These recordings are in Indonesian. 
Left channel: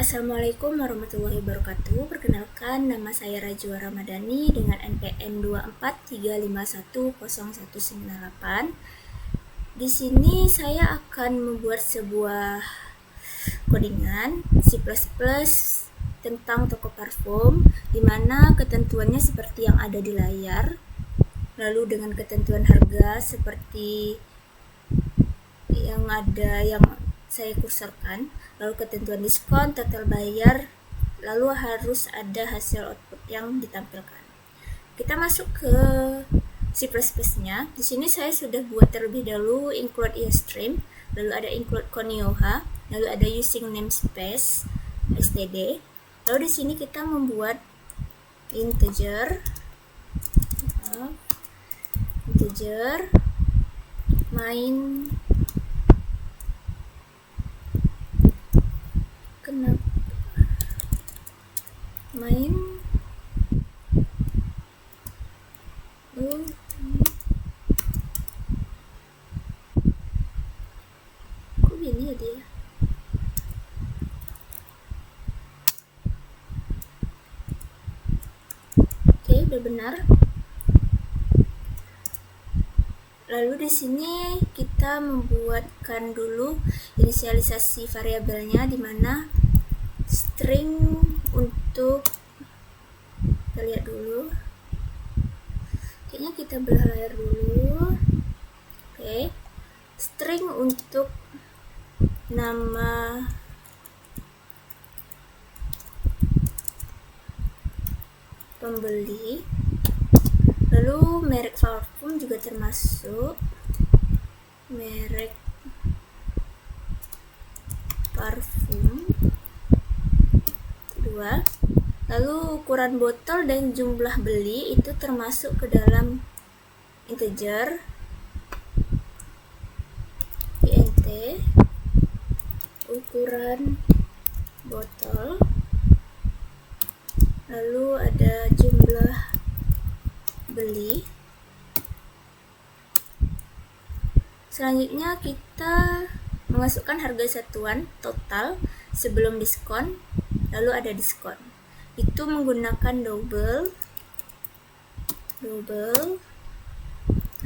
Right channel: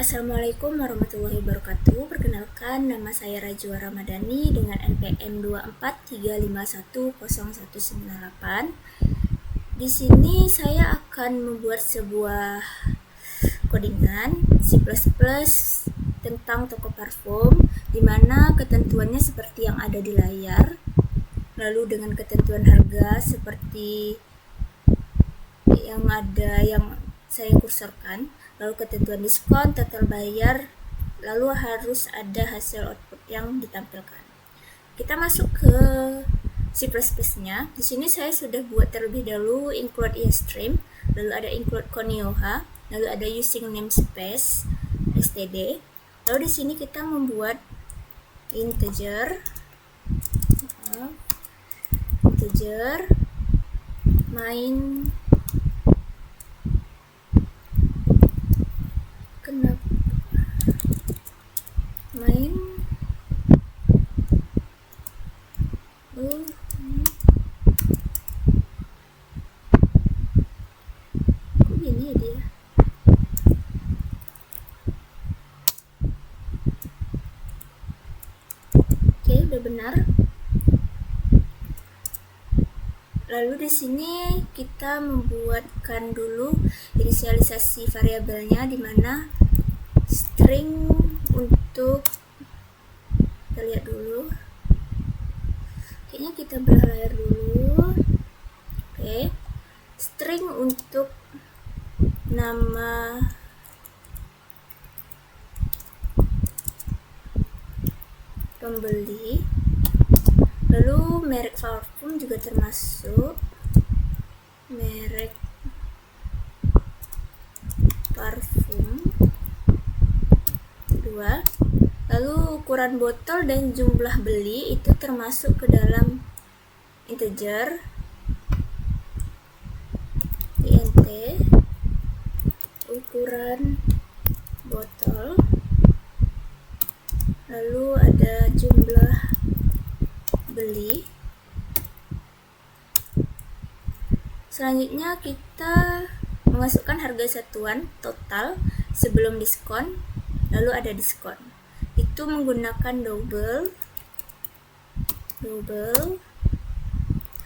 Assalamualaikum warahmatullahi wabarakatuh. Perkenalkan, nama saya Rajwa Ramadhani dengan NPM 2435100198. Di sini saya akan membuat sebuah codingan C++ tentang toko parfum, di mana ketentuannya seperti yang ada di layar. Lalu dengan ketentuan harga seperti yang saya kursorkan, lalu ketentuan diskon, total bayar, lalu harus ada hasil output yang ditampilkan. Kita masuk ke C++-nya. Di sini saya sudah buat terlebih dahulu include iostream, lalu ada include conioha, lalu ada using namespace std. Lalu di sini kita membuat integer main kok gini ya dia. Oke, udah benar. Lalu di sini kita membuatkan dulu inisialisasi variabelnya, di mana string untuk, kita lihat dulu. Kayaknya kita belah layar dulu. Oke. String untuk nama pembeli. Lalu merek parfum juga termasuk, merek parfum 2. Lalu ukuran botol dan jumlah beli itu termasuk ke dalam integer int ukuran botol. Lalu ada jumlah beli. Selanjutnya kita memasukkan harga satuan total sebelum diskon, lalu ada diskon. Itu menggunakan double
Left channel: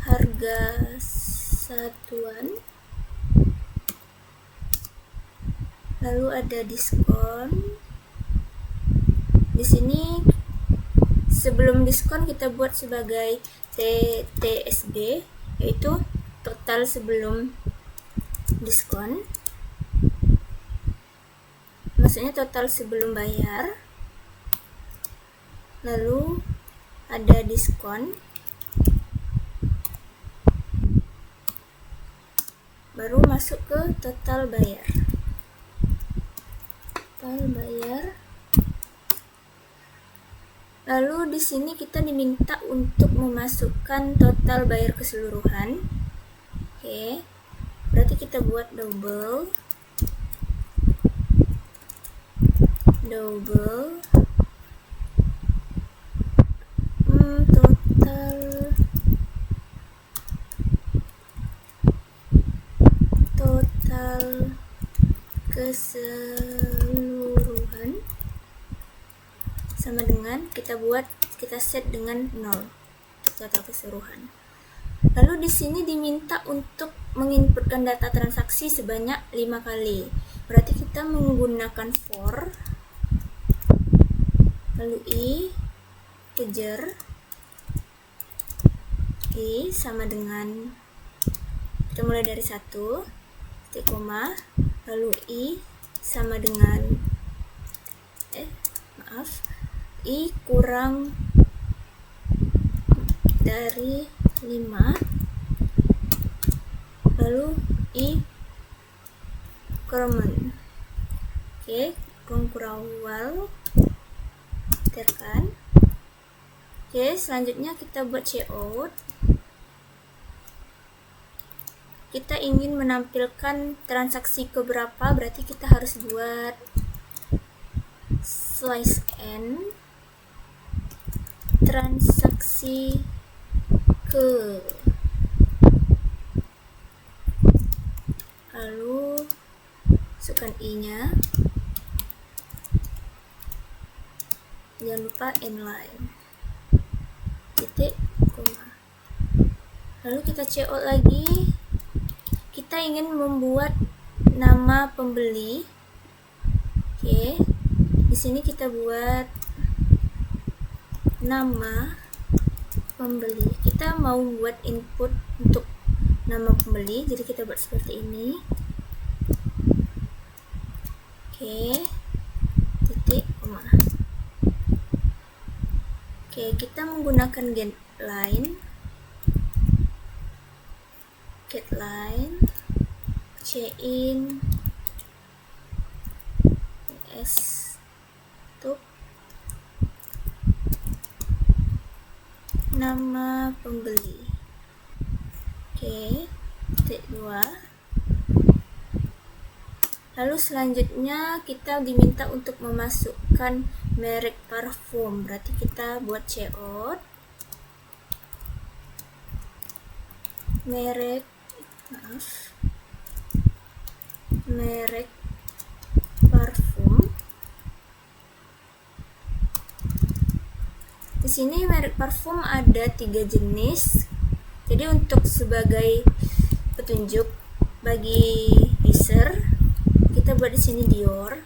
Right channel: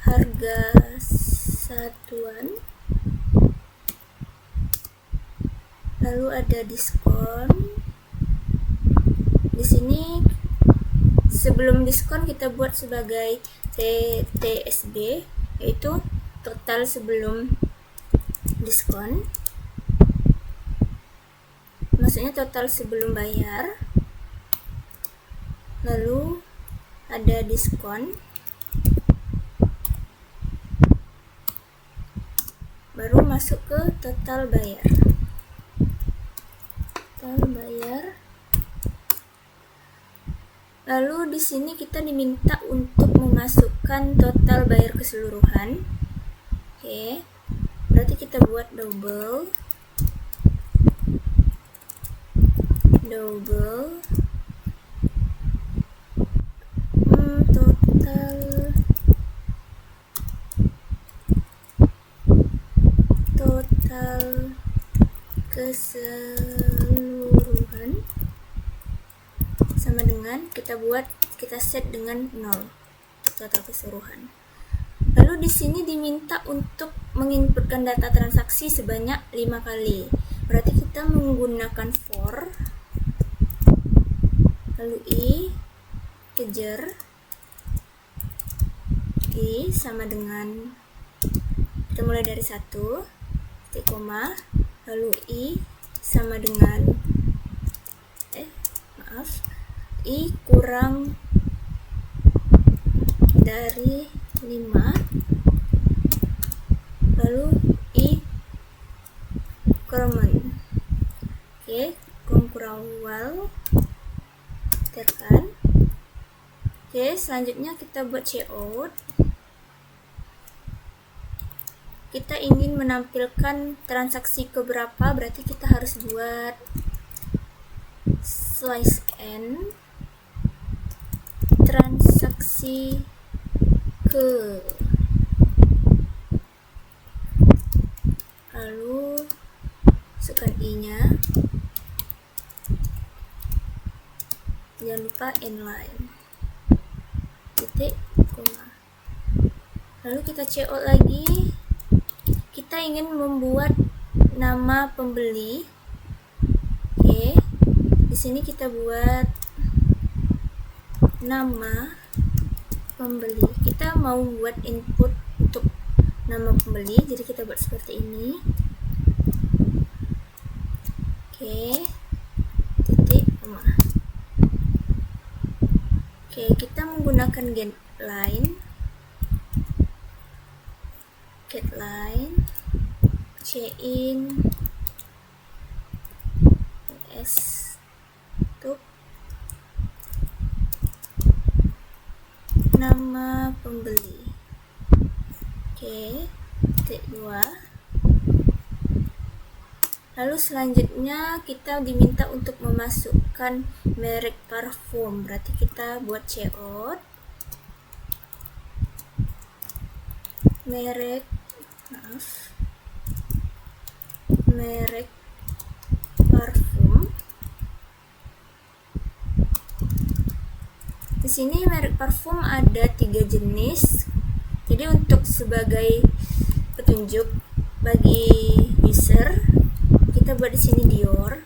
harga satuan, lalu ada diskon. Di sini sebelum diskon kita buat sebagai TSB, yaitu total sebelum diskon, maksudnya total sebelum bayar. Lalu ada diskon, baru masuk ke total bayar. Lalu di sini kita diminta untuk memasukkan total bayar keseluruhan. Oke, berarti kita buat double total keseluruhan sama dengan kita set dengan 0 total keseluruhan. Lalu di sini diminta untuk menginputkan data transaksi sebanyak 5 kali. Berarti kita menggunakan for, lalu integer i sama dengan, kita mulai dari 1 titik koma, lalu i sama dengan i kurang dari 5, lalu i kurang. Oke, kurang tekan. Oke, selanjutnya kita buat cout. Kita ingin menampilkan transaksi keberapa, berarti kita harus buat slice n transaksi ke, lalu masukkan i nya, jangan lupa inline, titik, koma. Lalu kita CO lagi. Kita ingin membuat nama pembeli. Oke, di sini kita buat nama pembeli. Kita mau buat input untuk nama pembeli, jadi kita buat seperti ini. Oke, titik, koma. Oke, kita menggunakan getLine, chain stop nama pembeli. Oke, titik 2. Lalu selanjutnya kita diminta untuk memasukkan merek parfum, berarti kita buat cout merek parfum. Di sini merek parfum ada 3 jenis. Jadi untuk sebagai petunjuk bagi user, kita buat di sini Dior.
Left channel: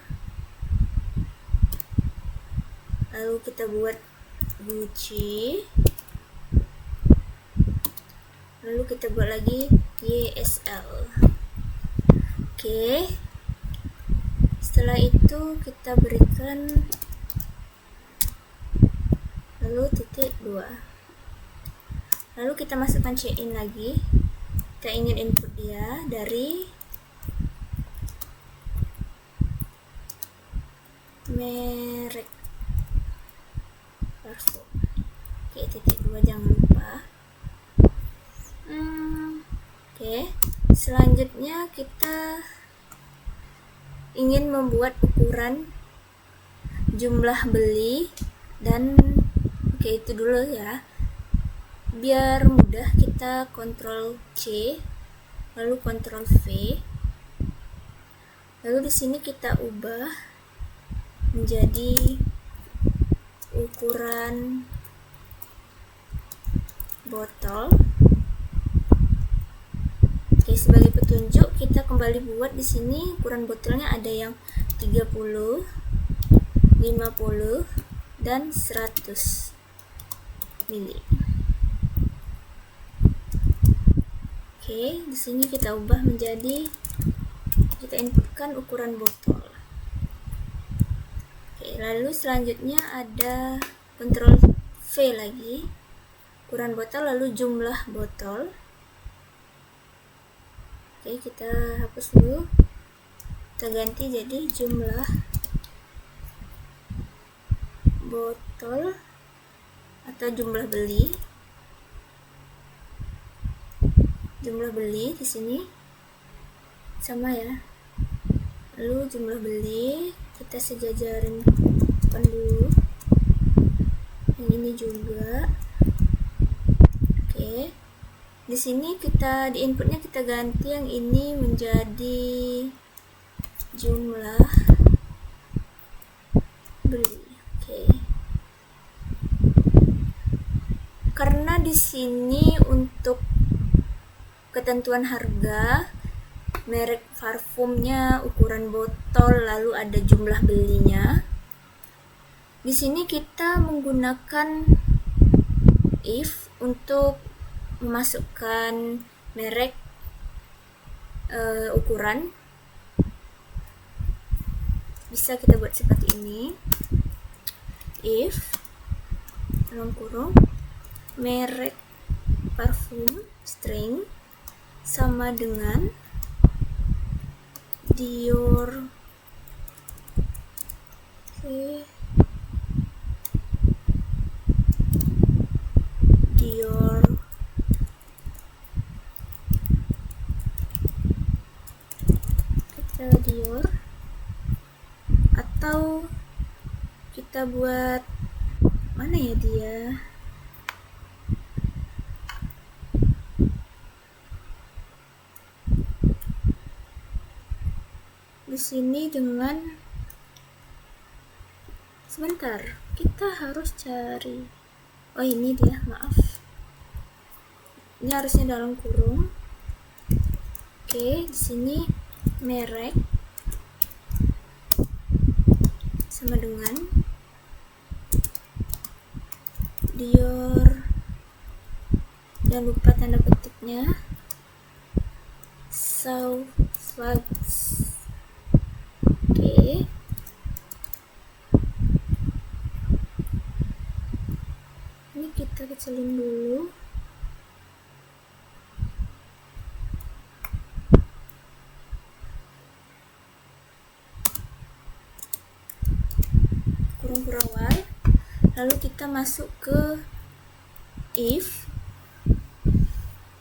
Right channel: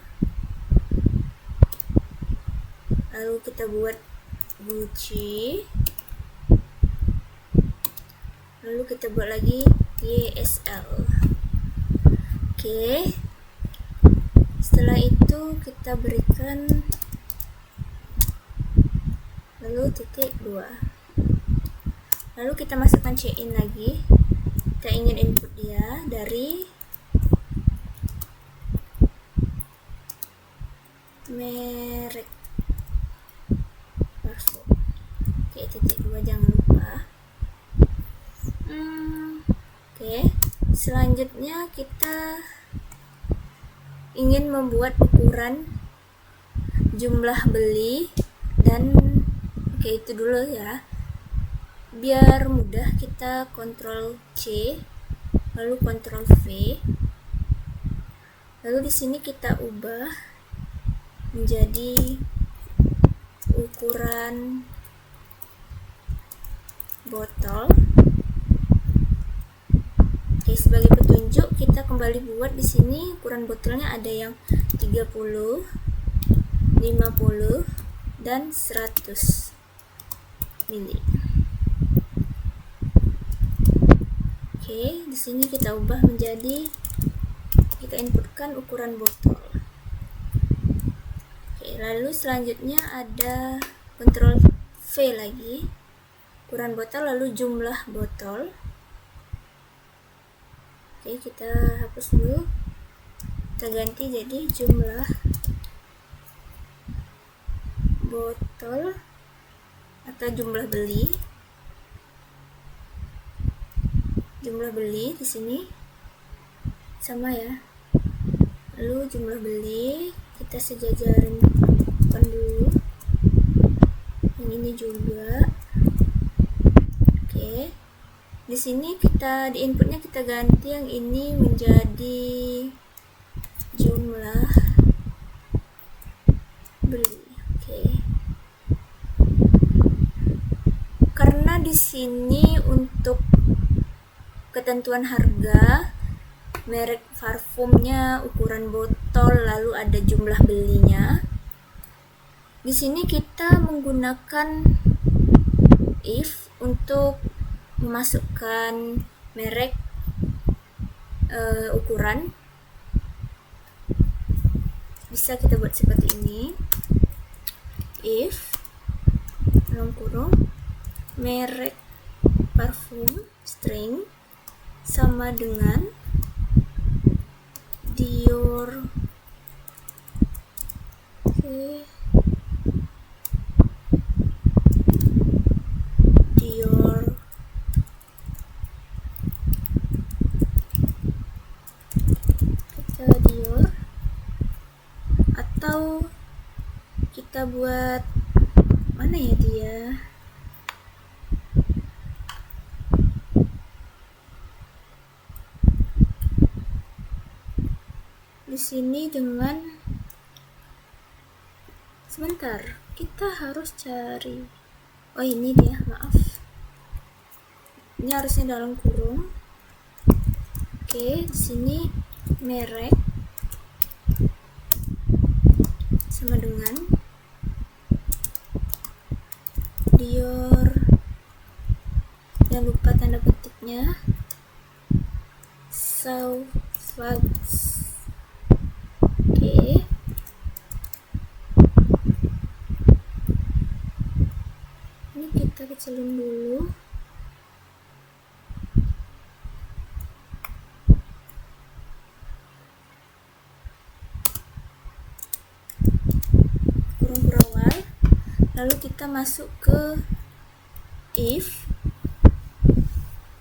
Lalu kita buat Gucci. Lalu kita buat lagi YSL. Oke. Setelah itu kita berikan lalu titik 2. Lalu kita masukkan chain lagi. Kita ingin input dia dari merek parfum. Oke, titik 2 jangan lupa. Oke, selanjutnya kita ingin membuat ukuran jumlah beli dan oke, itu dulu ya. Biar mudah kita Ctrl C lalu Ctrl V. Lalu di sini kita ubah menjadi ukuran botol. Oke, sebagai petunjuk kita kembali buat di sini ukuran botolnya ada yang 30, 50 dan 100 mili. Oke, di sini kita ubah menjadi, kita inputkan ukuran botol. Oke, lalu selanjutnya ada Ctrl V lagi, ukuran botol lalu jumlah botol. Oke, kita hapus dulu, kita ganti jadi jumlah botol atau jumlah beli. Jumlah beli di sini sama ya. Lalu jumlah beli kita sejajarin dulu. Yang ini juga. Oke. Di sini kita di inputnya kita ganti yang ini menjadi jumlah beli. Oke. Karena di sini untuk ketentuan harga, merek parfumnya, ukuran botol, lalu ada jumlah belinya. Di sini kita menggunakan if untuk memasukkan merek ukuran. Bisa kita buat seperti ini. If dalam kurung merek parfum string sama dengan Dior. Oke. Dior Dior, atau kita buat mana ya dia, di sini dengan Sebentar, kita harus cari. Oh, ini dia, maaf. Ini harusnya dalam kurung. Oke, di sini merek sama dengan Dior. Jangan lupa tanda petiknya. Sauvage. Oke. Ini kita kecilin dulu. Kurung awal. Lalu kita masuk ke if.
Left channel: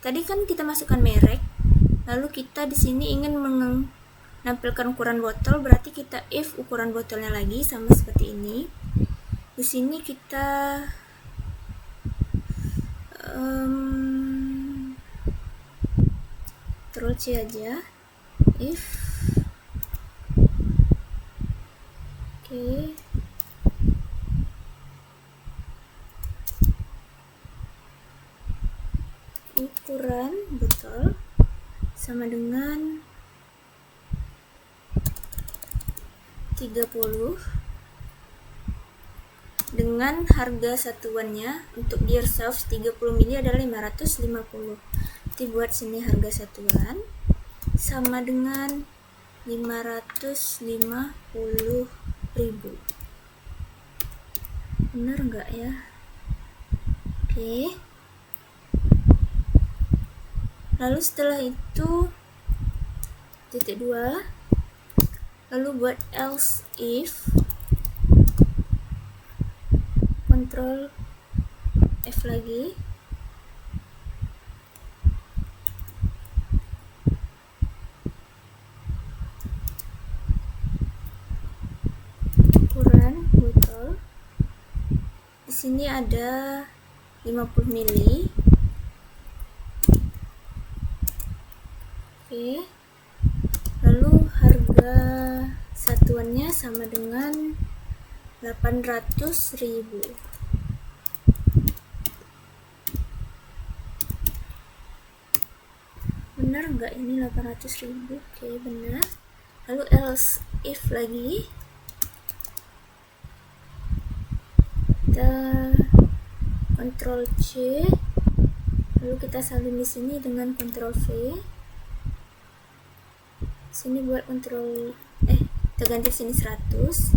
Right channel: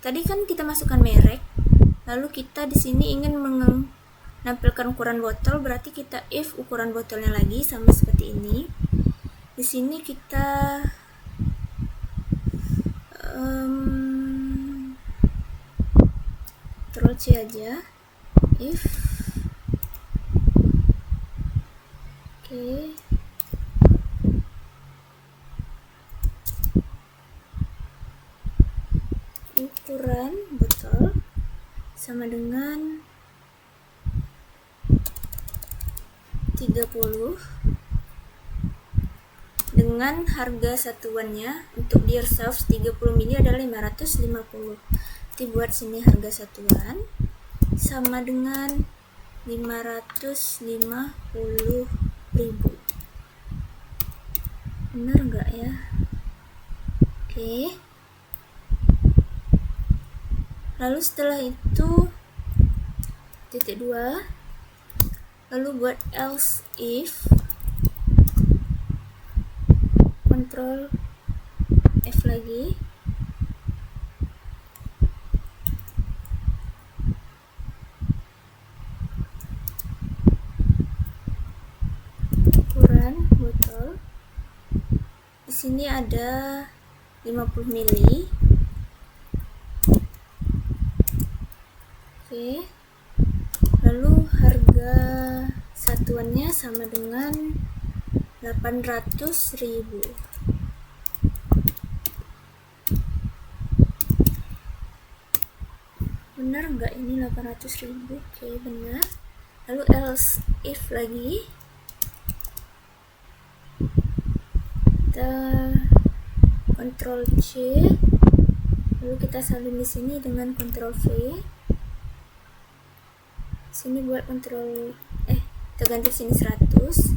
Tadi kan kita masukkan merek. Lalu kita di sini ingin menampilkan ukuran botol, berarti kita if ukuran botolnya lagi sama seperti ini. Di sini kita Ctrl C aja, if. Oke. Ukuran botol sama dengan 30 dengan harga satuannya untuk Dear Sauve 30 ml adalah 550. Kita buat sini harga satuan sama dengan 550.000. Benar nggak ya? Oke. Lalu setelah itu titik 2, lalu buat else if, Ctrl F lagi, ukuran botol di sini ada 50 ml. Oke. Lalu harga satuannya sama dengan 800.000. Benar nggak ini 800.000? Oke, benar. Lalu else if lagi, kita Ctrl C, lalu kita salin di sini dengan Ctrl V. Sini buat kita ganti sini 100.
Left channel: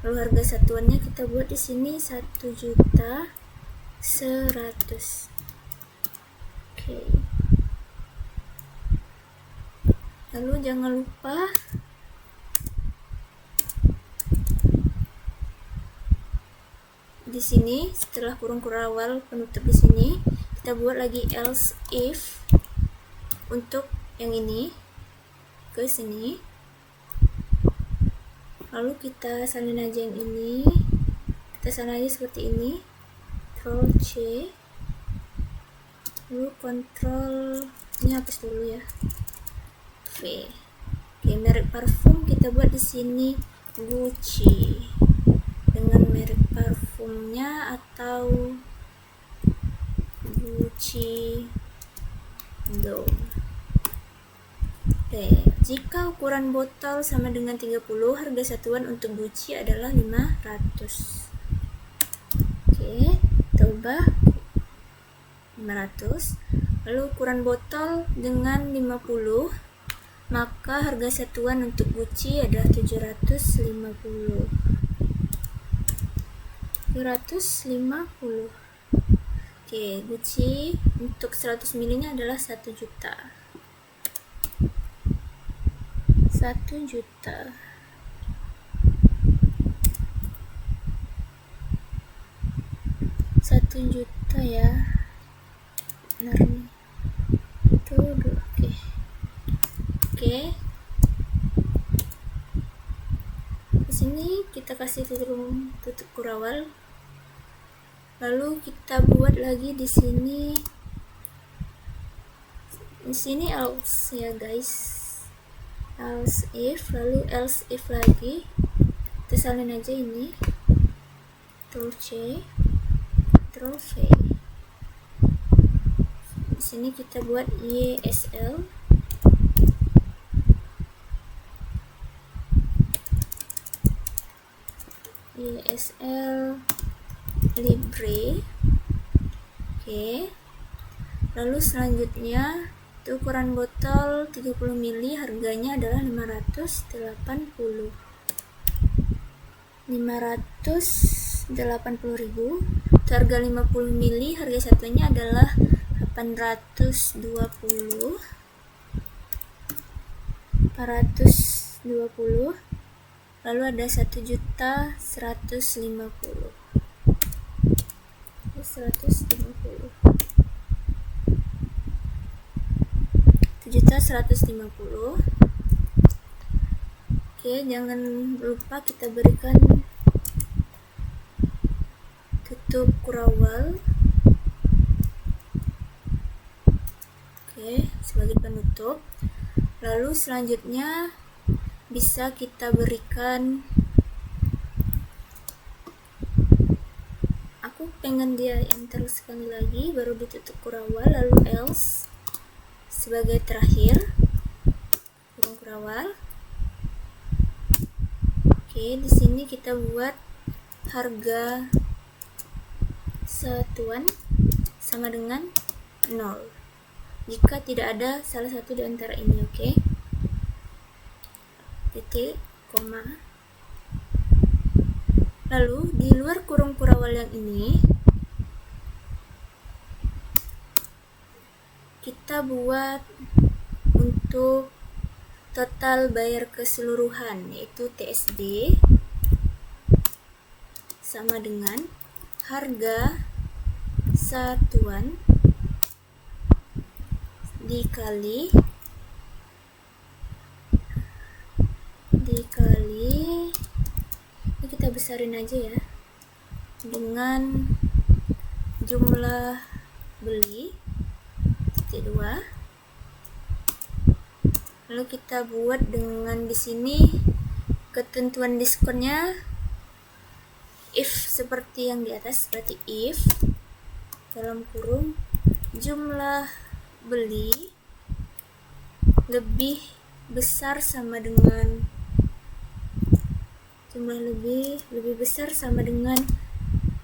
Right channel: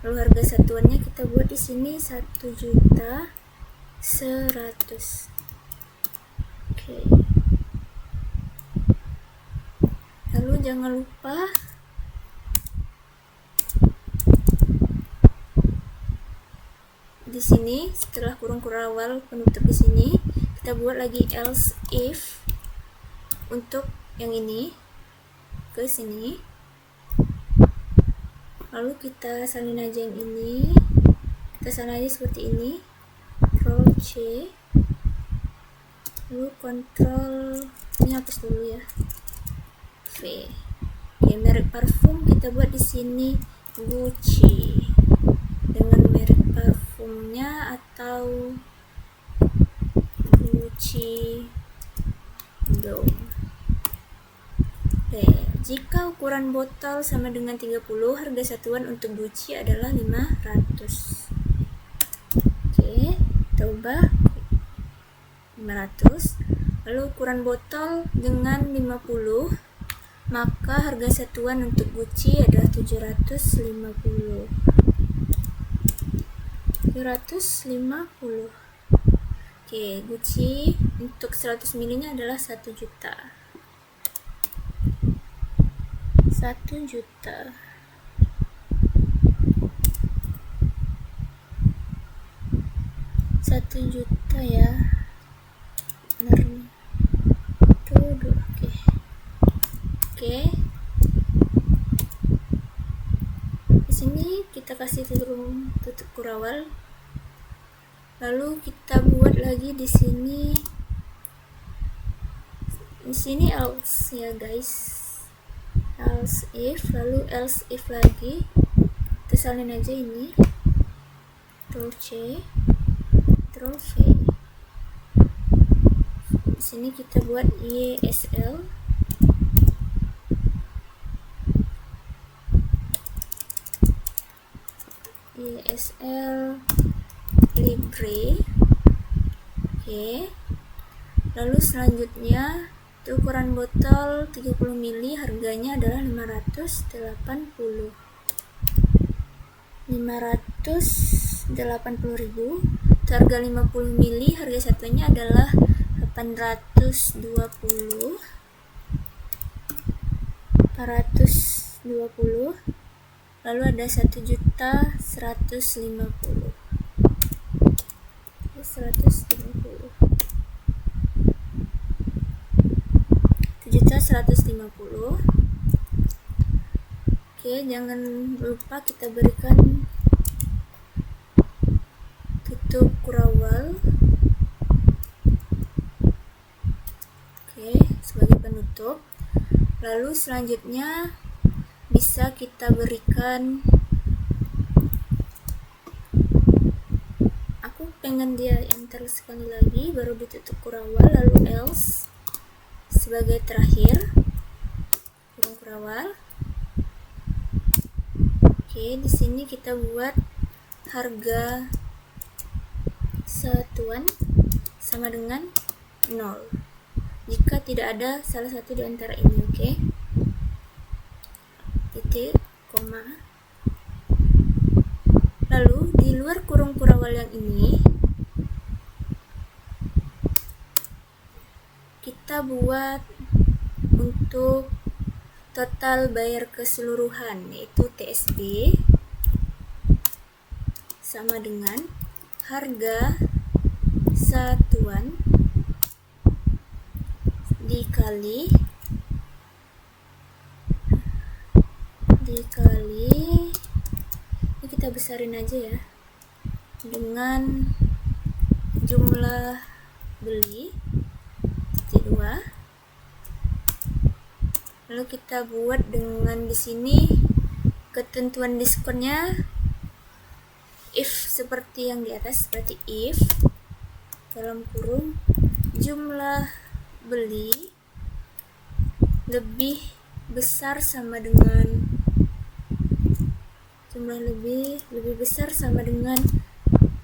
Lalu harga satuannya kita buat di sini 1.100.000. Oke. Lalu jangan lupa di sini setelah kurung awal penutup di sini kita buat lagi else if untuk yang ini ke sini. Lalu kita salin aja yang ini, kita salin aja seperti ini, Ctrl C, lalu Ctrl ini hapus dulu ya, V. Oke, merek parfum kita buat di sini Gucci dengan merek parfumnya atau Gucci Dome. Jika ukuran botol sama dengan 30, harga satuan untuk Gucci adalah 500. Oke, kita ubah 500. Lalu ukuran botol dengan 50, maka harga satuan untuk Gucci adalah 750. 750. Oke, Gucci untuk 100 ml nya adalah 1 juta. 1 juta. Satu juta ya. Benar nih. Tuh, oke. Oke. Di sini kita kasih tutup kurawal. Lalu kita buat lagi di sini. Di sini else ya, guys. Else if, lalu else if lagi, kita salin aja ini, Ctrl C, Ctrl V. Di sini kita buat YSL. YSL Libre. Oke. Lalu selanjutnya ukuran botol 30 ml, harganya adalah 580.000. Untuk harga 50 ml, harga satunya adalah 820. Lalu ada 1.150. 150. Oke, jangan lupa kita berikan tutup kurawal. Oke, sebagai penutup. Lalu selanjutnya bisa kita berikan, aku pengen dia enter sekali lagi baru ditutup kurawal, lalu else sebagai terakhir, kurung kurawal. Oke, di sini kita buat harga satuan sama dengan 0 jika tidak ada salah satu di antara ini. Oke, titik, koma. Lalu di luar kurung kurawal yang ini kita buat untuk total bayar keseluruhan, yaitu TSB sama dengan harga satuan dikali ini kita besarin aja ya, dengan jumlah beli titik 2. Lalu kita buat dengan di sini ketentuan diskonnya if seperti yang di atas, berarti if dalam kurung jumlah beli lebih besar sama dengan lebih besar sama dengan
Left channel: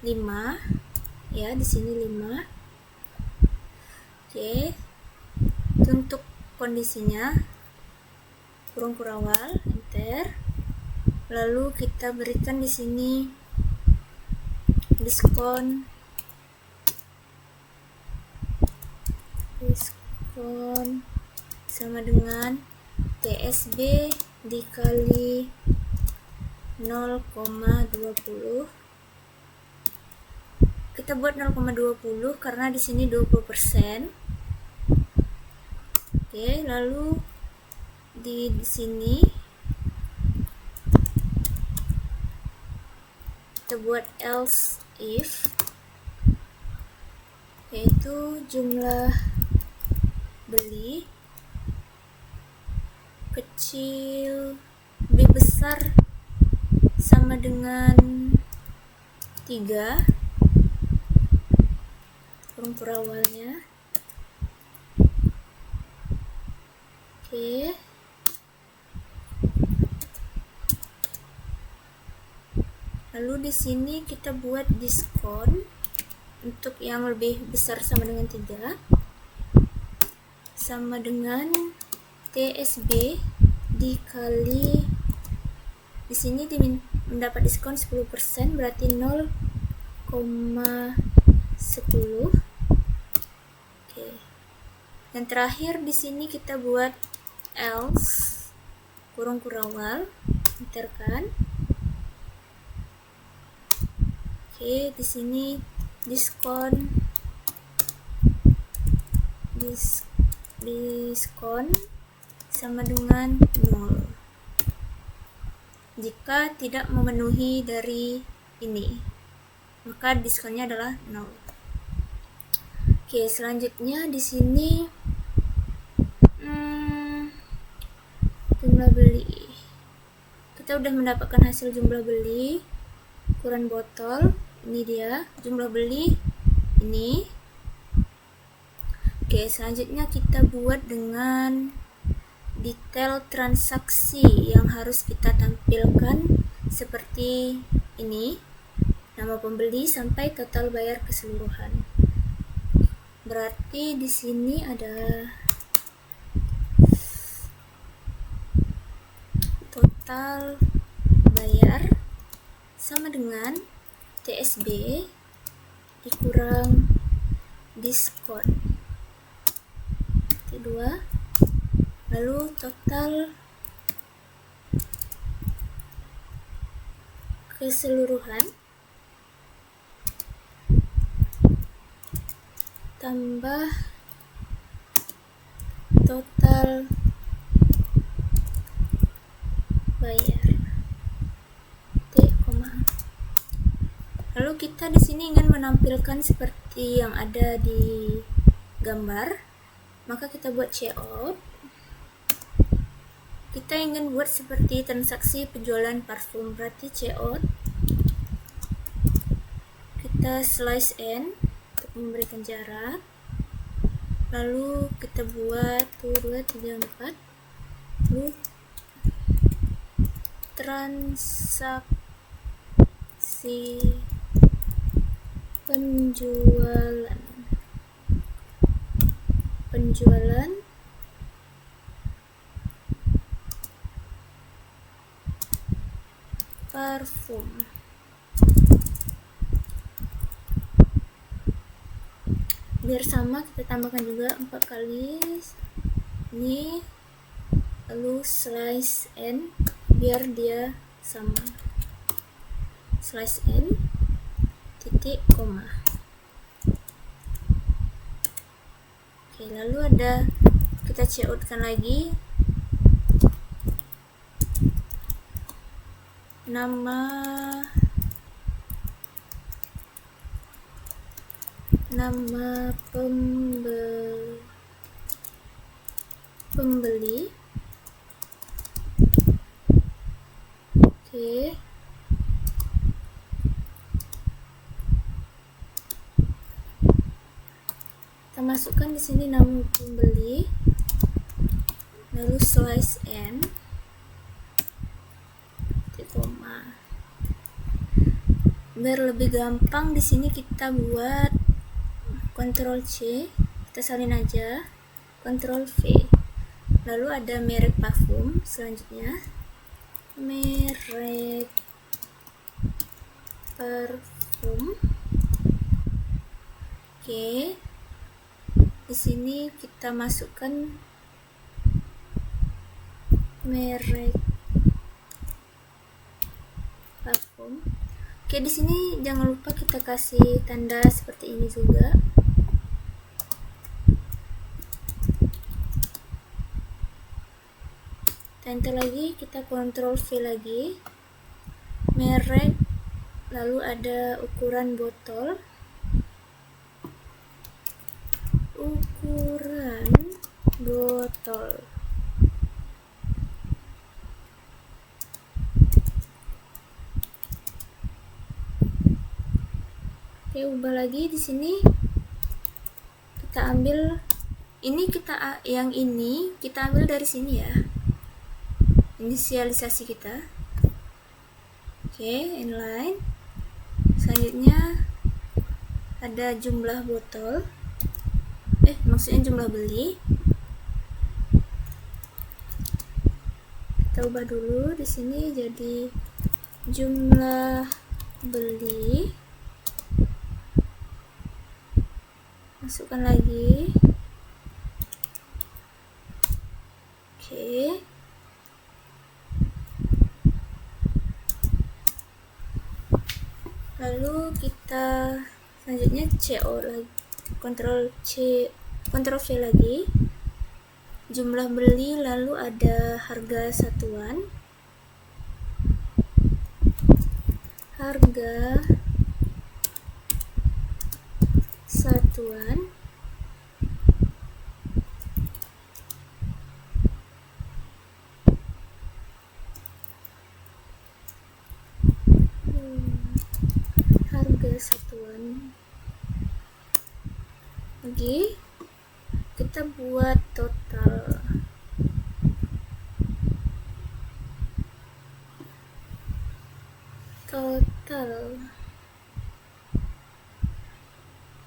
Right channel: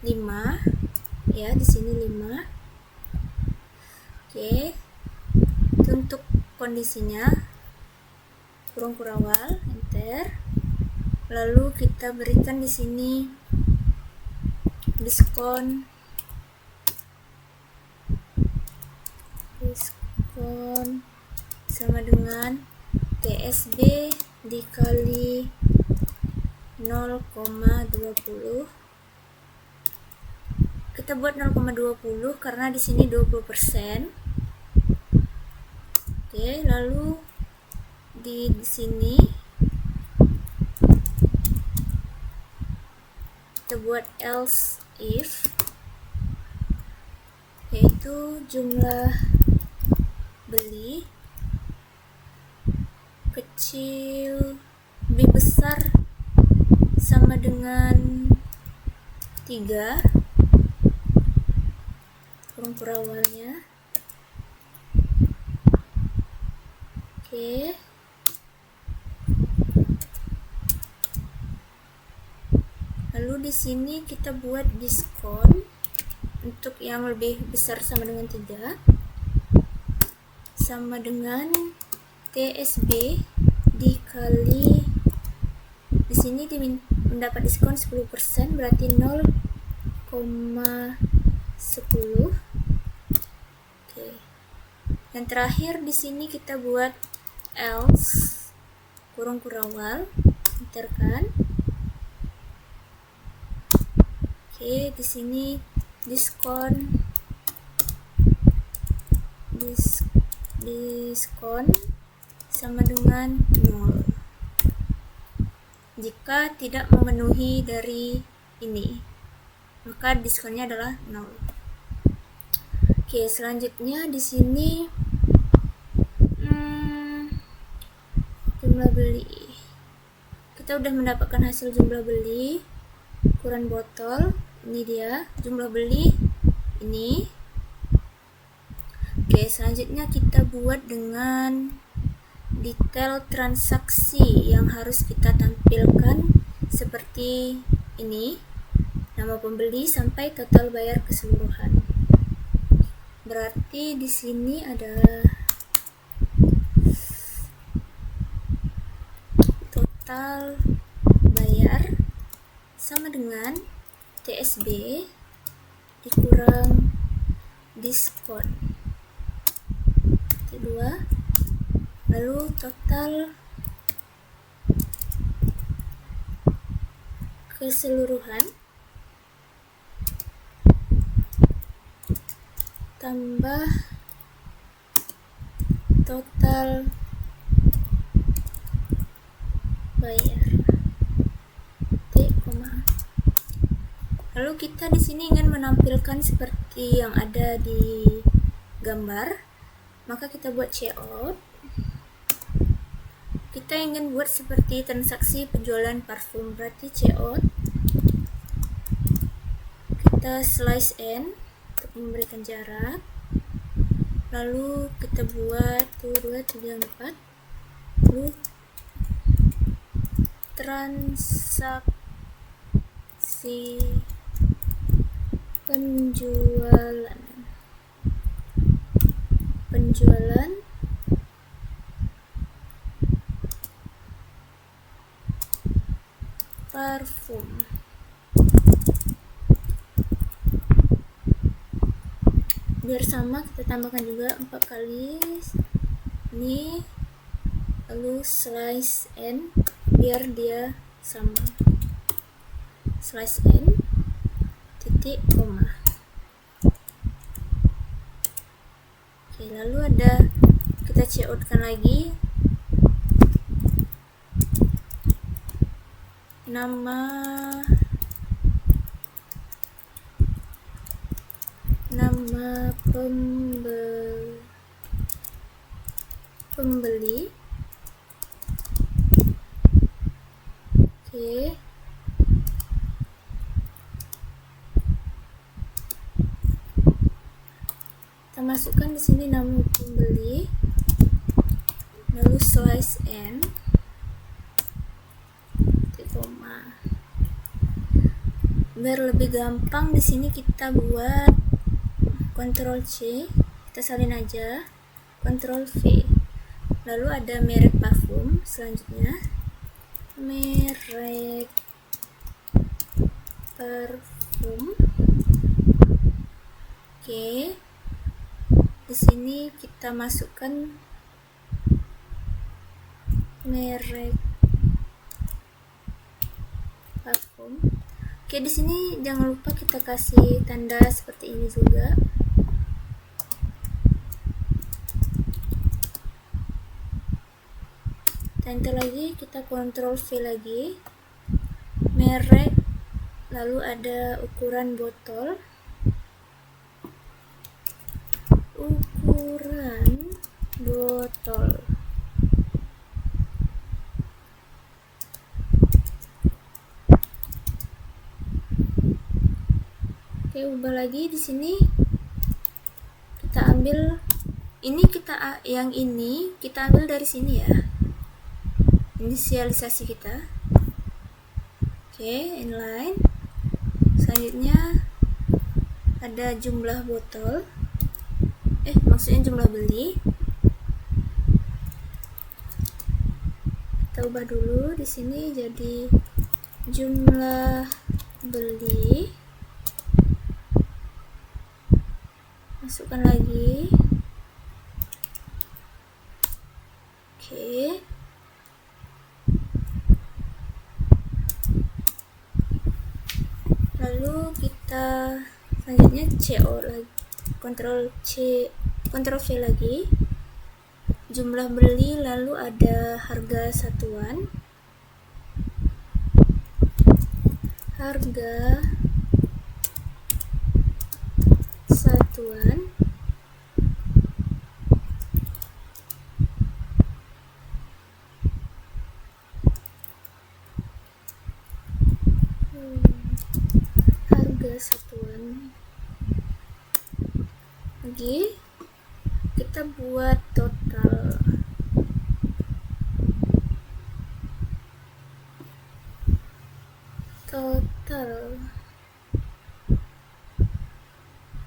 5 ya, di sini 5. Oke, untuk kondisinya kurung kurawal, enter. Lalu kita berikan di sini diskon sama dengan TSB dikali 0,20. Kita buat 0,20 karena di sini 20%. Oke, lalu di sini kita buat else if, yaitu jumlah beli kecil lebih besar sama dengan 3 kurung kurawalnya. Oke, lalu di sini kita buat diskon untuk yang lebih besar sama dengan 3 sama dengan TSB dikali, di sini mendapat diskon 10%, berarti 0,10. Oke. Yang terakhir di sini kita buat else kurung kurawal, enterkan. Oke, di sini diskon sama dengan 0 jika tidak memenuhi dari ini, maka diskonnya adalah 0. Oke, selanjutnya di sini jumlah beli. Kita udah mendapatkan hasil jumlah beli ukuran botol Ini dia jumlah beli ini. Oke, selanjutnya kita buat dengan detail transaksi yang harus kita tampilkan seperti ini. Nama pembeli sampai total bayar keseluruhan. Berarti di sini ada total bayar sama dengan TSB dikurang diskon. Kedua, lalu total keseluruhan tambah total bayar. Lalu kita di sini ingin menampilkan seperti yang ada di gambar, maka kita buat checkout. Kita ingin buat seperti transaksi penjualan parfum, berarti checkout. Kita slice n untuk memberikan jarak. Lalu kita buat 2, 3, 4. Lalu transaksi penjualan parfum. Biar sama, kita tambahkan juga 4 kali ini, lalu slice n biar dia sama. Slice n titik koma. Oke, lalu ada, kita checkoutkan lagi nama pembeli. Oke. Kita masukkan di sini nama pembeli, lalu slice n, koma. Biar lebih gampang di sini kita buat Ctrl C, kita salin aja, Ctrl V. Lalu ada merek parfum, selanjutnya merek parfum. Oke. Di sini kita masukkan merek parfum. Oke, di sini jangan lupa kita kasih tanda seperti ini juga. Enter lagi, kita Ctrl V lagi. Merek, lalu ada ukuran botol. Oke, ubah lagi di sini. Kita ambil ini, yang ini kita ambil dari sini ya. Inisialisasi kita. Oke, inline. Selanjutnya ada jumlah botol. Maksudnya jumlah beli. Kita ubah dulu di sini jadi jumlah beli. Masukkan lagi. Oke. Lalu kita selanjutnya CO lagi. Ctrl C, Ctrl V lagi. Jumlah beli, lalu ada harga satuan. Harga satuan. Harga satuan. Oke, kita buat total.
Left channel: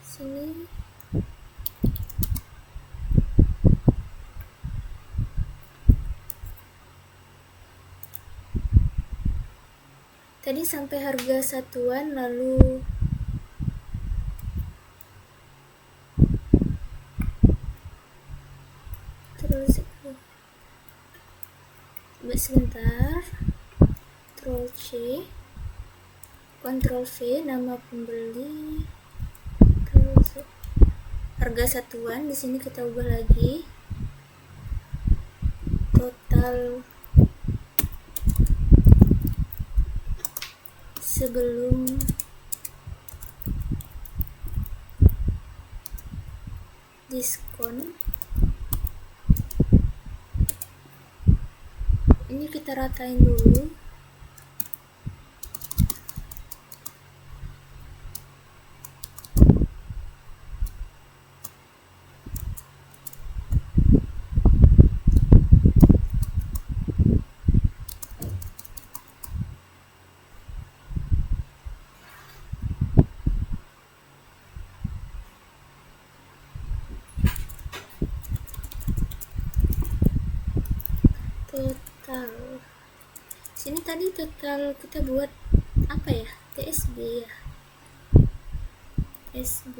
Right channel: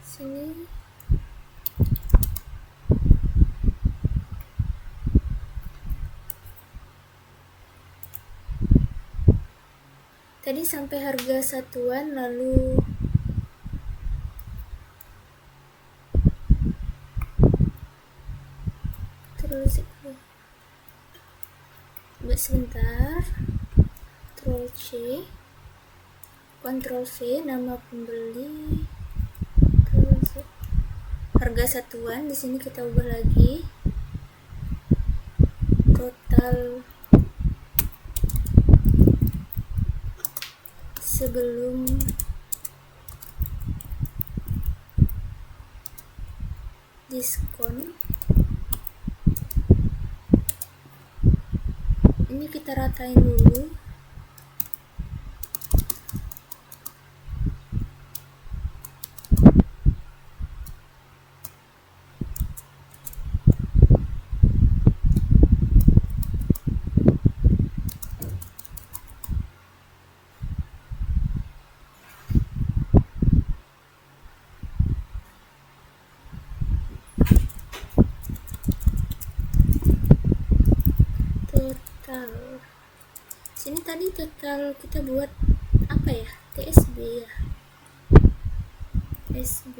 Sini tadi sampai harga satuan, lalu terus sebentar, Ctrl C, Ctrl V, nama pembeli, terus harga satuan. Di sini kita ubah lagi total sebelum diskon. Ini kita ratain dulu. Total. Sini tadi total kita buat apa ya? TSB ya. SB.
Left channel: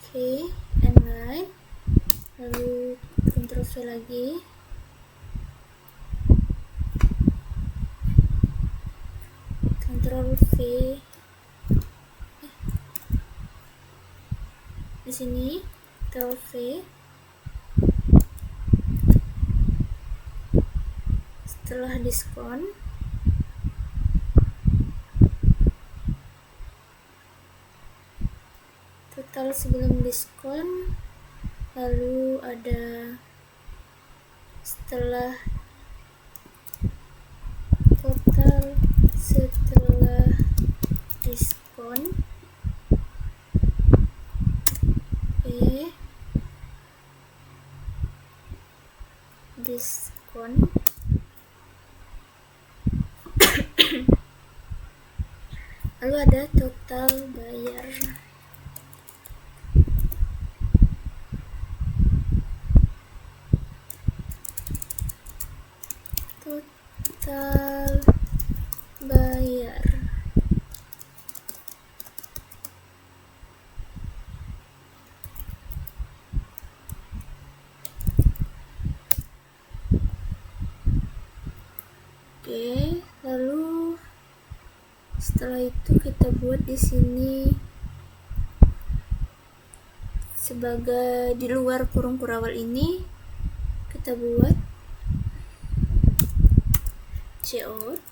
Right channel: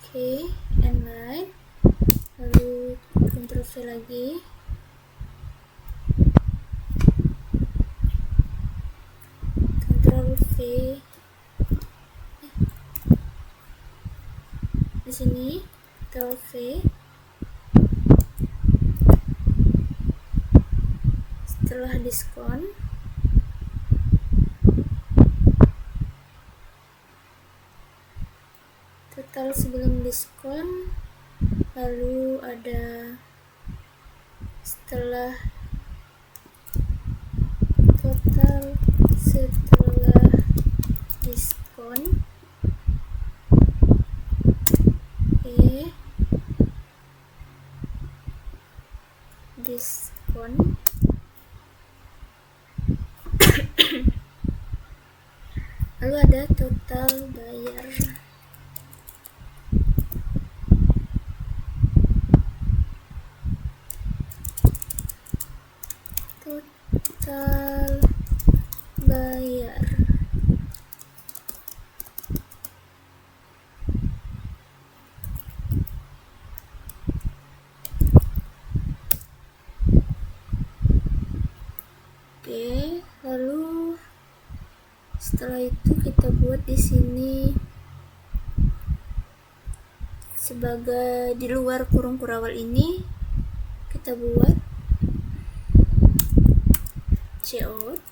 Oke, inline. Lalu Ctrl V lagi. Ctrl V. Di sini Ctrl V. Setelah diskon, total sebelum diskon, lalu ada setelah total setelah diskon. Diskon. Lalu ada total bayar. Total bayar. Oke, lalu setelah itu kita buat di sini sebagai di luar kurung kurawal ini kita buat cout.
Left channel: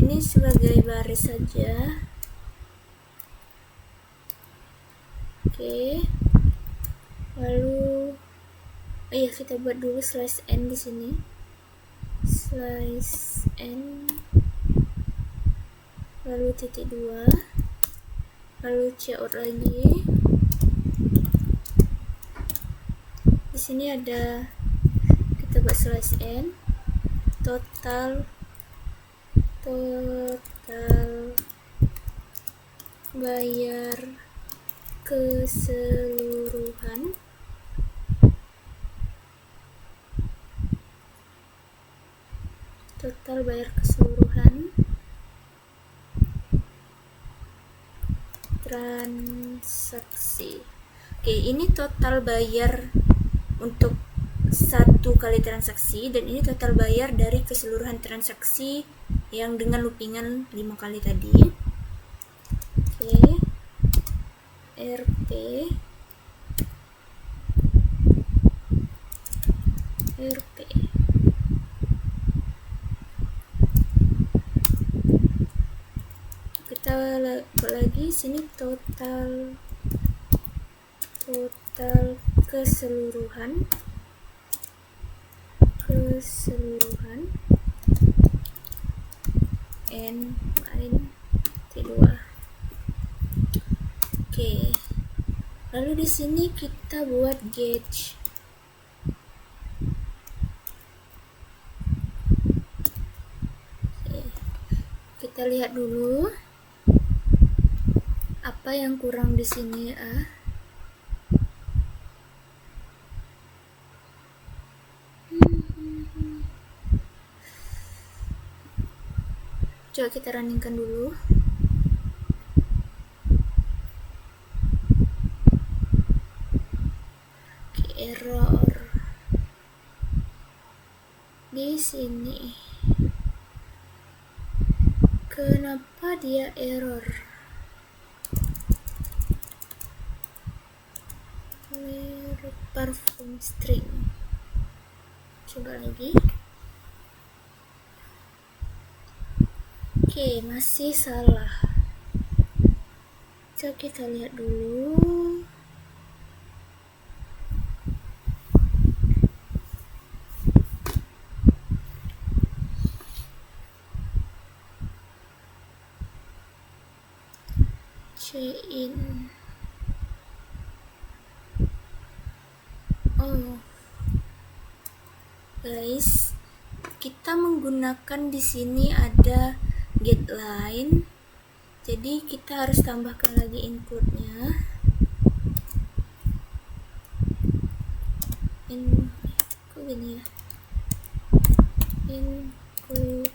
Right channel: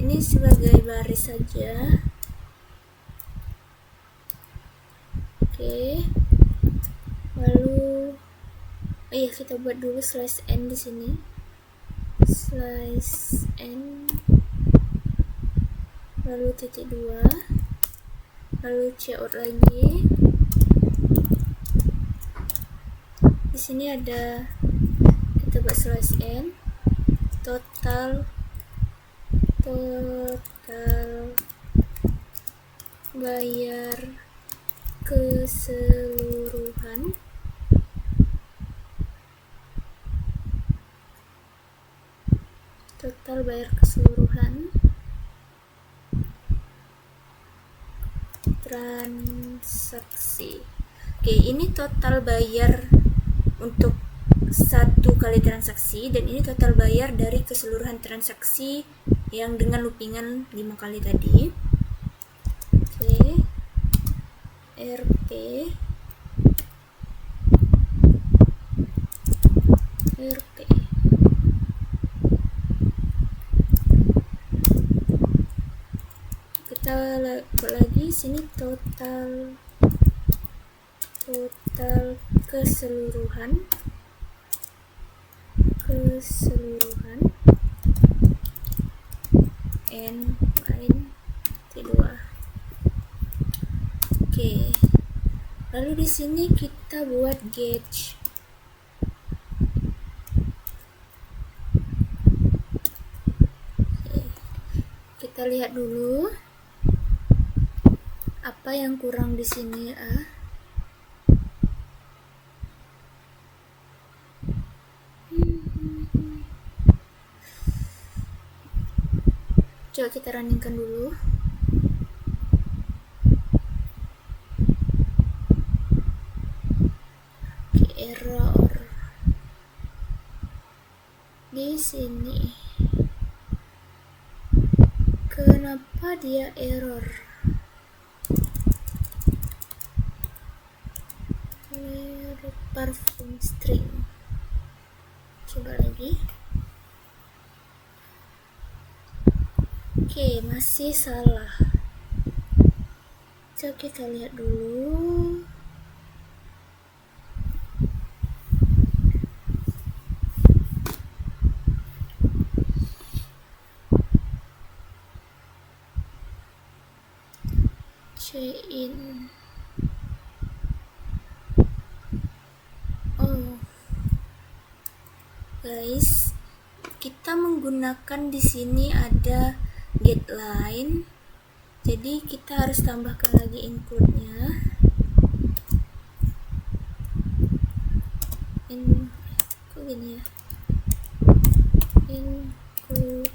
Ini sebagai baris saja. Oke. Lalu iya, kita buat dulu slash n di sini. Slash n. Lalu titik 2. Lalu cout lagi. Di sini ada kita buat slash n. Total bayar keseluruhan. Total bayar keseluruhan transaksi. Oke, ini total bayar untuk satu kali transaksi, dan ini total bayar dari keseluruhan transaksi yang dengan loopingan 5 kali tadi. Oke, RP kita lagi sini total keseluruhan keseluruhan n lain T2. Oke. Lalu di sini kita buat gauge. Oke. Kita lihat dulu apa yang kurang di sini. Coba kita runningkan dulu. Oke, error di sini. Kenapa dia error? Parfum string. Coba lagi. Oke, masih salah. Coba kita lihat dulu. Chain. Oh, guys, kita menggunakan di sini ada get line, jadi kita harus tambahkan lagi include-nya. Kok gini ya? Include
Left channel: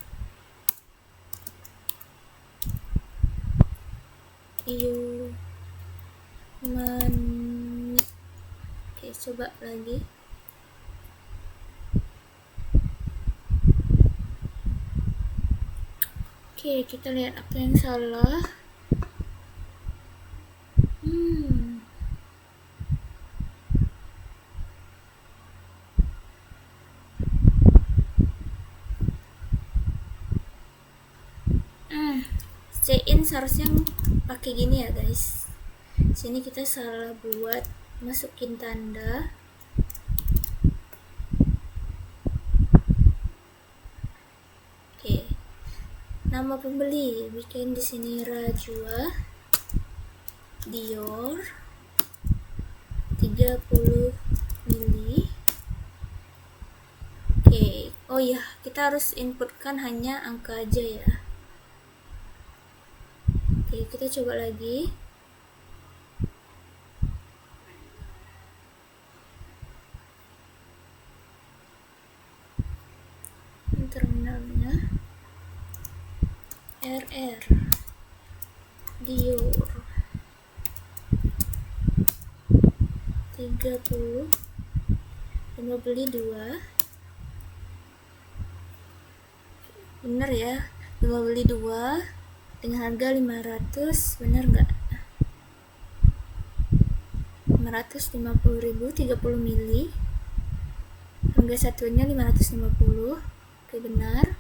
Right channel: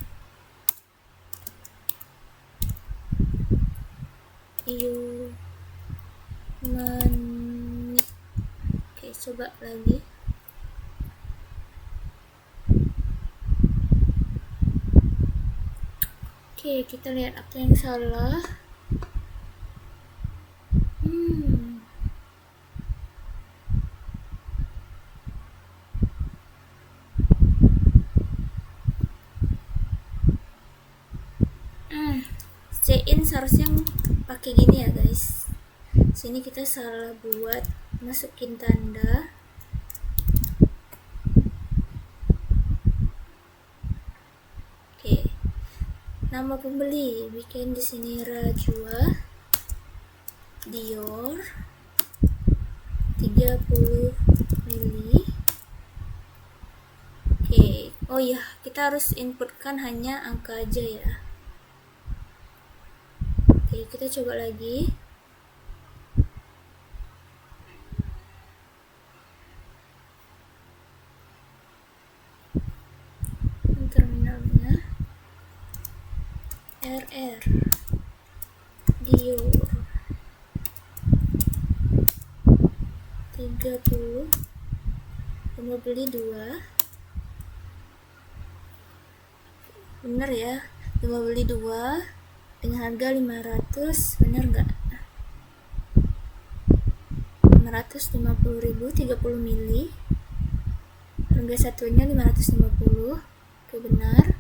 human. Oke, coba lagi. Oke, kita lihat apa yang salah. Chain seharusnya pakai gini ya guys. Sini kita salah buat masukin tanda. Oke. Nama pembeli bikin di sini Rajwa Dior 30 mili. Oke. Oh iya, kita harus inputkan hanya angka aja ya. Oke, kita coba lagi. Terminalnya RR Dior 30, mau beli 2. Bener ya, mau beli 2 dengan harga 500, bener nggak? 550.000, 30 mili, harga satunya 550. Oke, benar.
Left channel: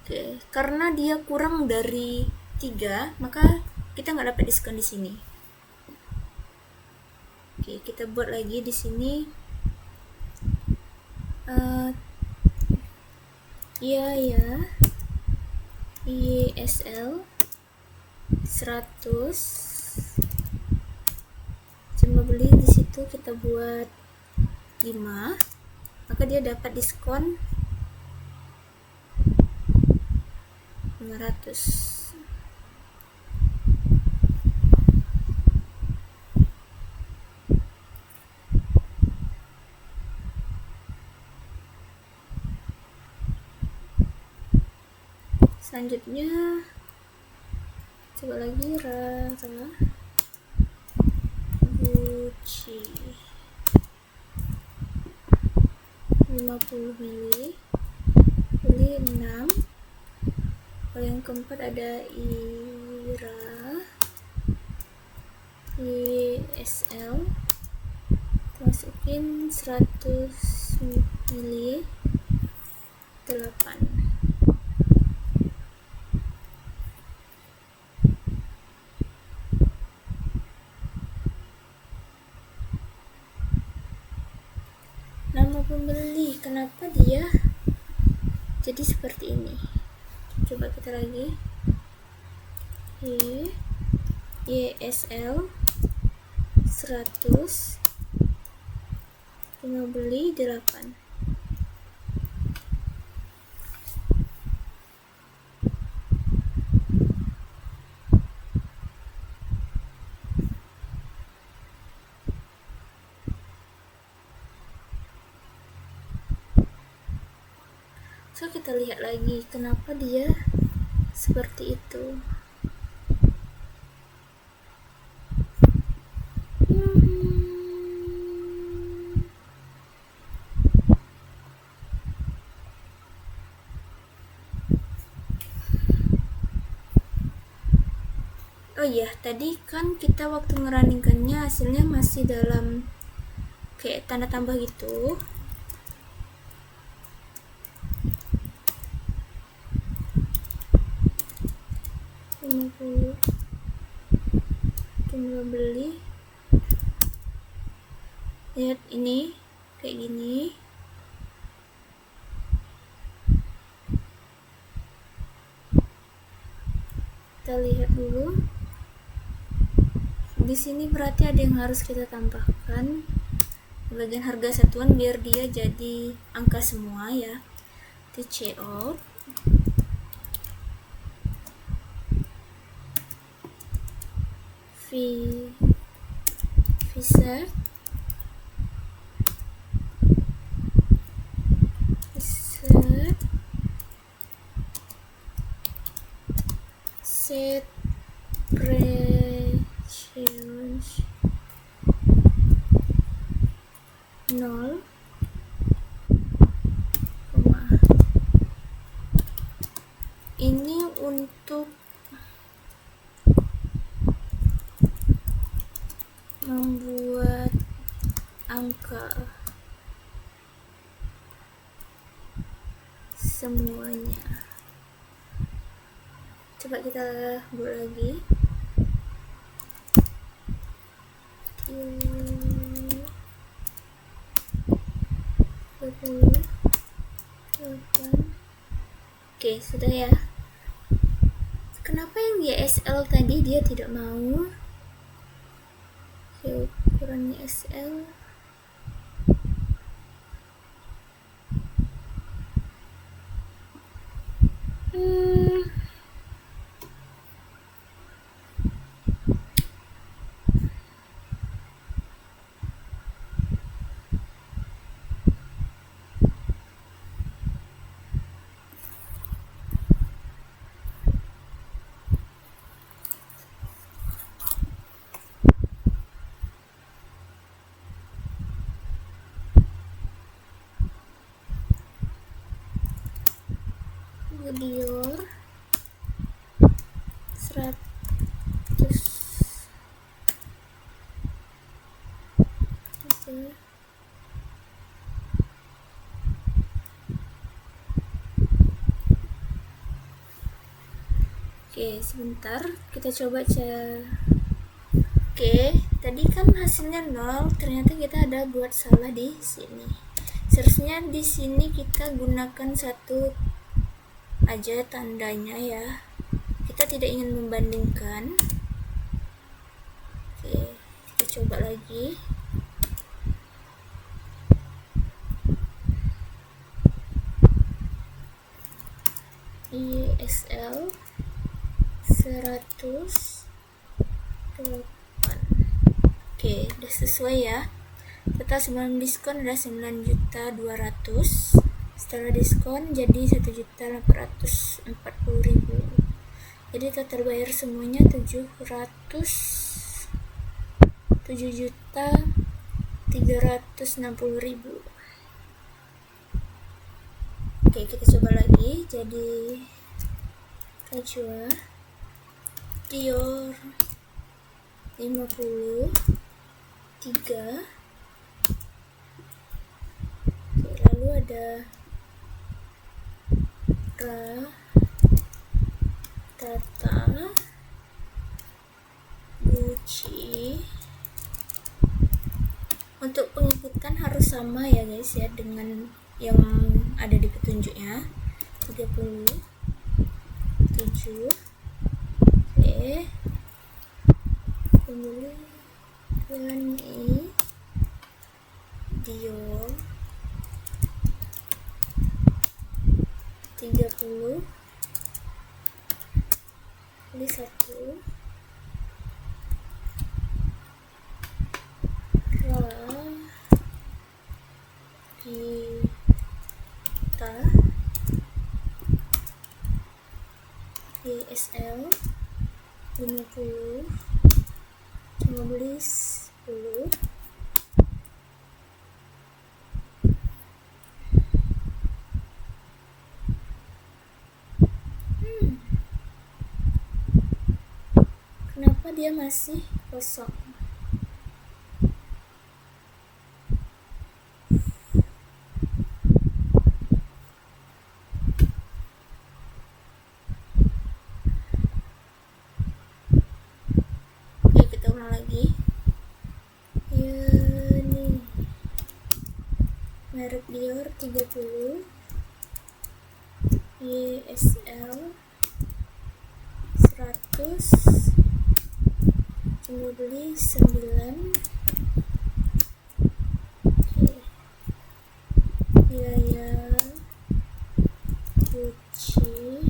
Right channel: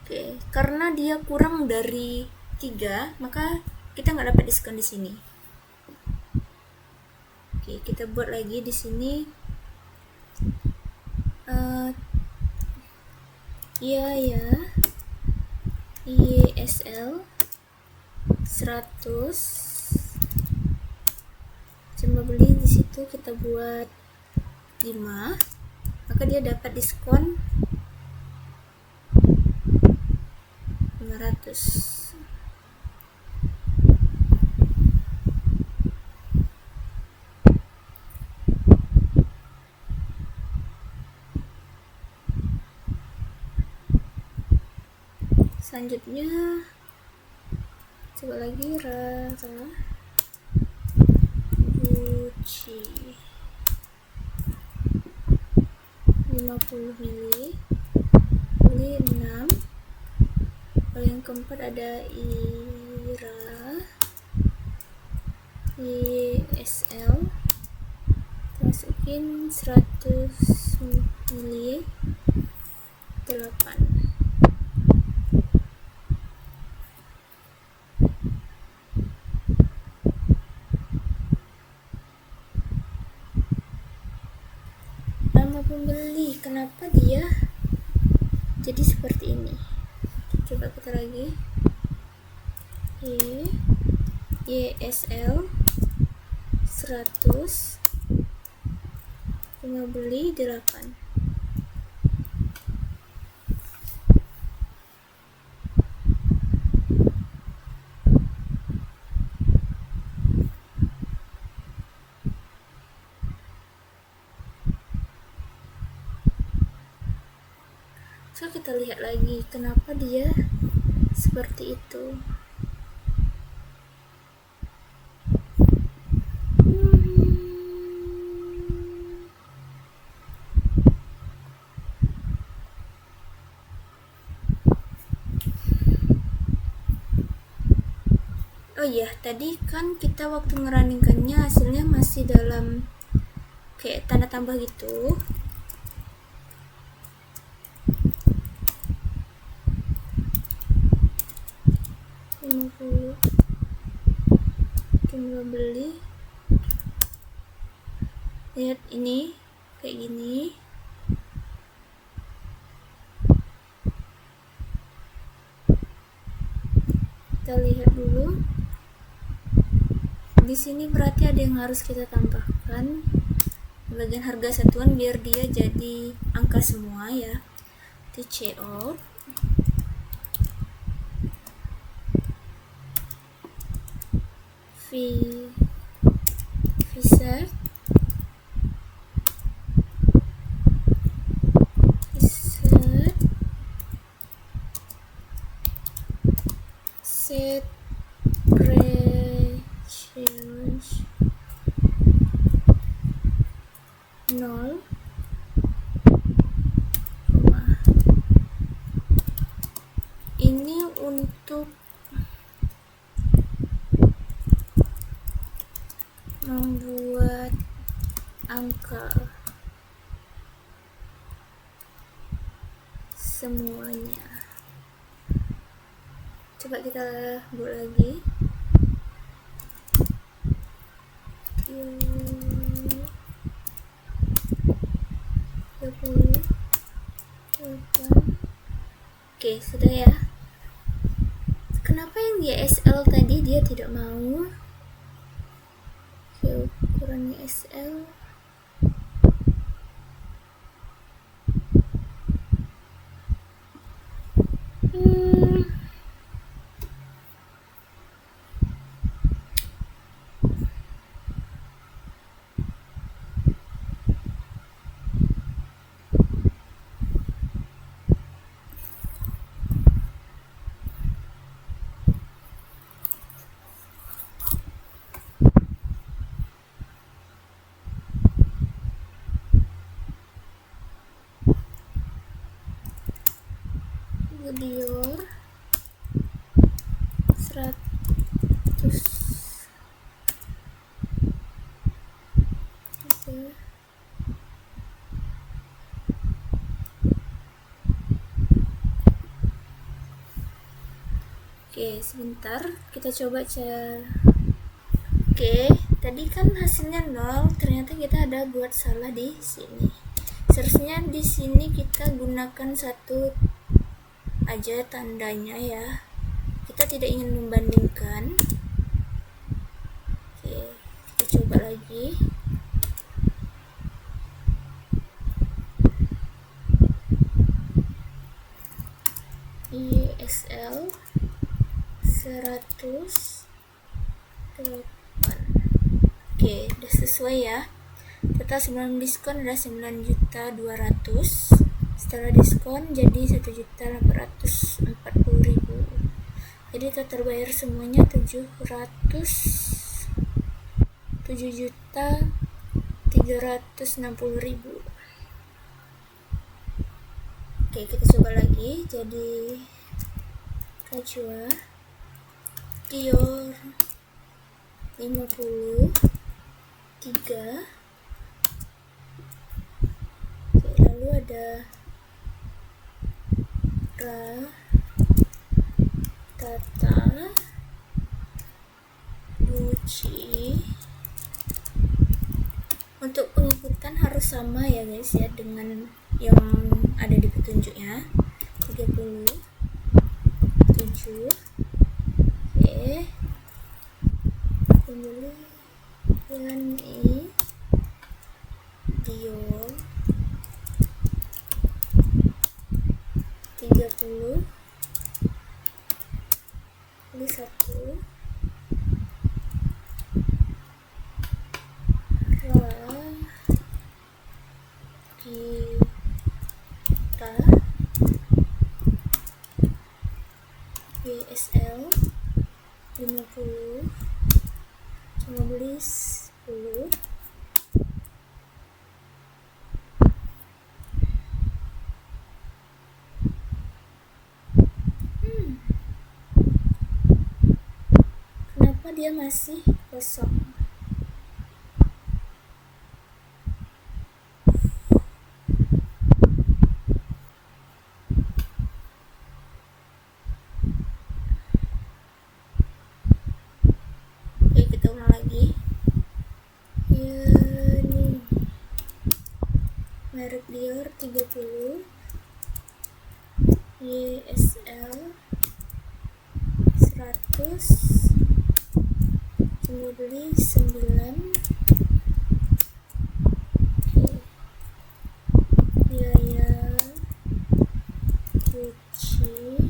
Oke, karena dia kurang dari 3, maka kita nggak dapat diskon di sini. Oke, kita buat lagi di sini. Iya ya, ISL 100. Cuma beli di situ kita buat 5, maka dia dapat diskon 500. Selanjutnya coba lagi Rara Gucci 50 mili, beli 6. Kalau yang keempat ada Ira ISL, masukin 100 mili 8. nama pembeli, kenapa dia jadi seperti ini? Coba kita lagi. YSL 100, cuma beli 8. So kita lihat lagi kenapa dia seperti itu. Oh iya, tadi kan kita waktu ngerunningkannya hasilnya masih dalam kayak tanda tambah gitu. Jumlah beli, lihat ini kayak gini. Kita lihat dulu di sini, berarti ada yang harus kita tambahkan bagian harga satuan biar dia jadi angka semua ya. TCO Visa set change 0, ini untuk membuat angka semuanya. Coba kita buat lagi. 38. Oke, sudah ya. Kenapa yang YSL tadi dia tidak mau? Oke, ukuran YSL Dior 100. Oke, sebentar kita coba Oke, tadi kan hasilnya 0, ternyata kita ada buat salah di sini. Seharusnya di sini kita gunakan satu aja tandanya ya. Kita tidak ingin membandingkan. Oke, kita coba lagi. YSL 108. Oke, udah sesuai ya. Total sebelum diskon ada 9.200.000. Setelah diskon jadi 1.840.000. Jadi total bayar semuanya 7.360.000. Oke, kita coba lagi. Jadi Rajwa Dior 53. Oke, lalu ada Tata Gucci Untuk penginputan harus sama ya guys ya dengan yang ada di petunjuknya. 37. Oke. Kemudian Dior 30. Ini 1. Kita YSL 50. Cuma beli 10. Kenapa dia masih kosong? Oke, kita ulang lagi. Ya, nih. Merek Dior 30. YSL 100. Cuma beli 9. Oke. Biaya Gucci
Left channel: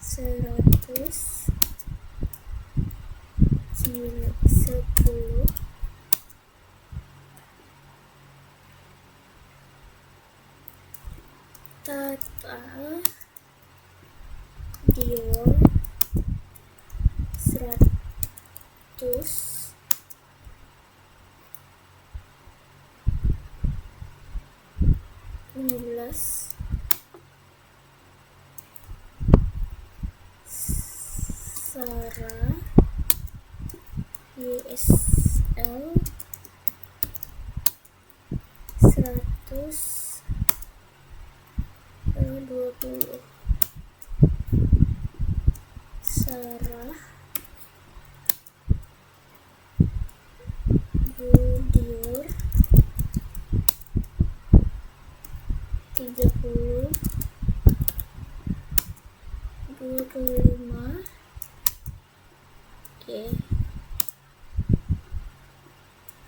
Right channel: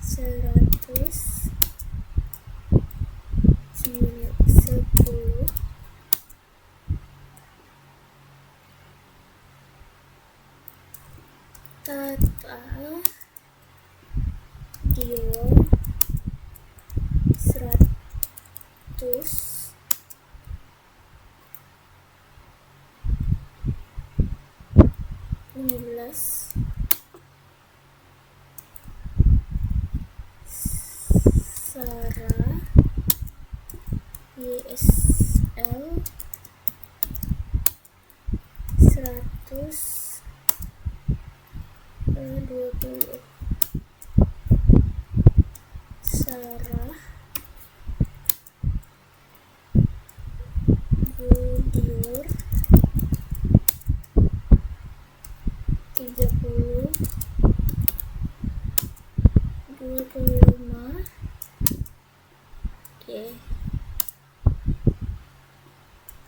100. 10. Total Dior 100. 15. Sarah YSL 100. 20. Sarah Dior 30. 25. Oke,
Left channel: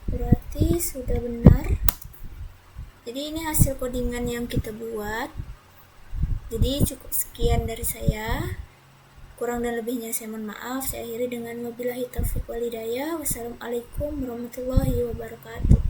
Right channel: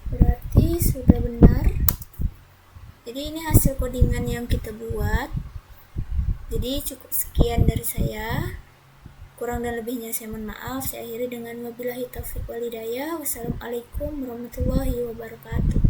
berarti sudah benar. Jadi ini hasil codingan yang kita buat. Jadi cukup sekian dari saya. Kurang dan lebihnya saya mohon maaf. Saya akhiri dengan wabillahi taufiq walhidayah. Wassalamualaikum warahmatullahi wabarakatuh.